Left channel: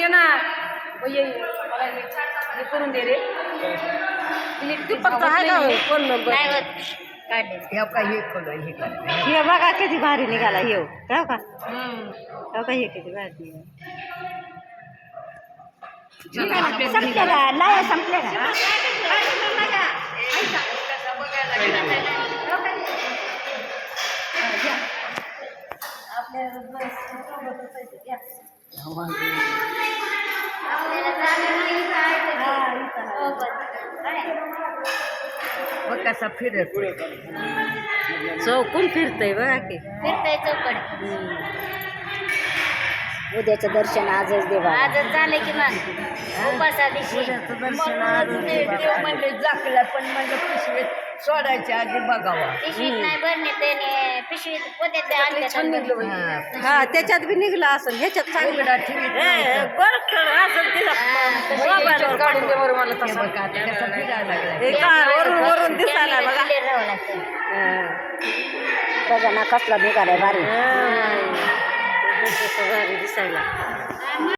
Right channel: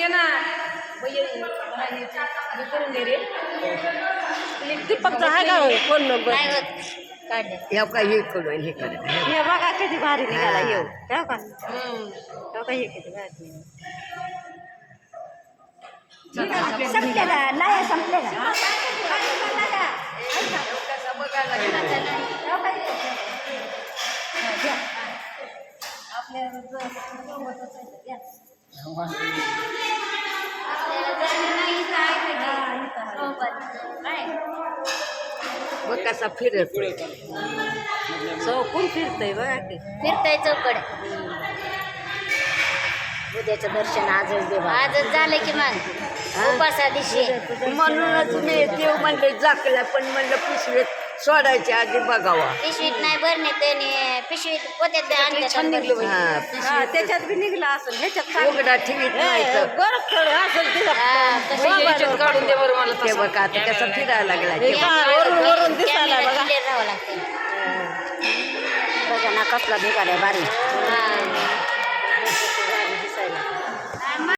दे ना भैया मला हे करून दे रे तू फक्त आहे का होय फोन नंबर नाही होत काढले हे का हे करू हे कर हे बघा किती भारी निघाला येऊ ठेव का ठेव का हे किती भारी निघाला संपले का लाया संपले का मग कसा फिरत चौकून फिरतय बघा की फिरताय चौकड उद्याचं दर्शन आजच देवा आजच झालं की मग उपासा दिवशी देव म्हणले जाकला पण म्हणलं पिशवीत सोडायच्या आधी बघावा पिशवीत नाही भरणे त्याने पिशवीत पोत्यात छान निघलं बाई हा त्याच्यात बी निघला असेल ह्याच्यात उघडा ठेवीत नाही तर. बरं खेळ असेल तिला काढून दे बरं मला तसं बघा आता कसं फिरायला हे लागला काय वरून वरून दिसायला बघा बघा ना कसला निघालाय भारी दिसायला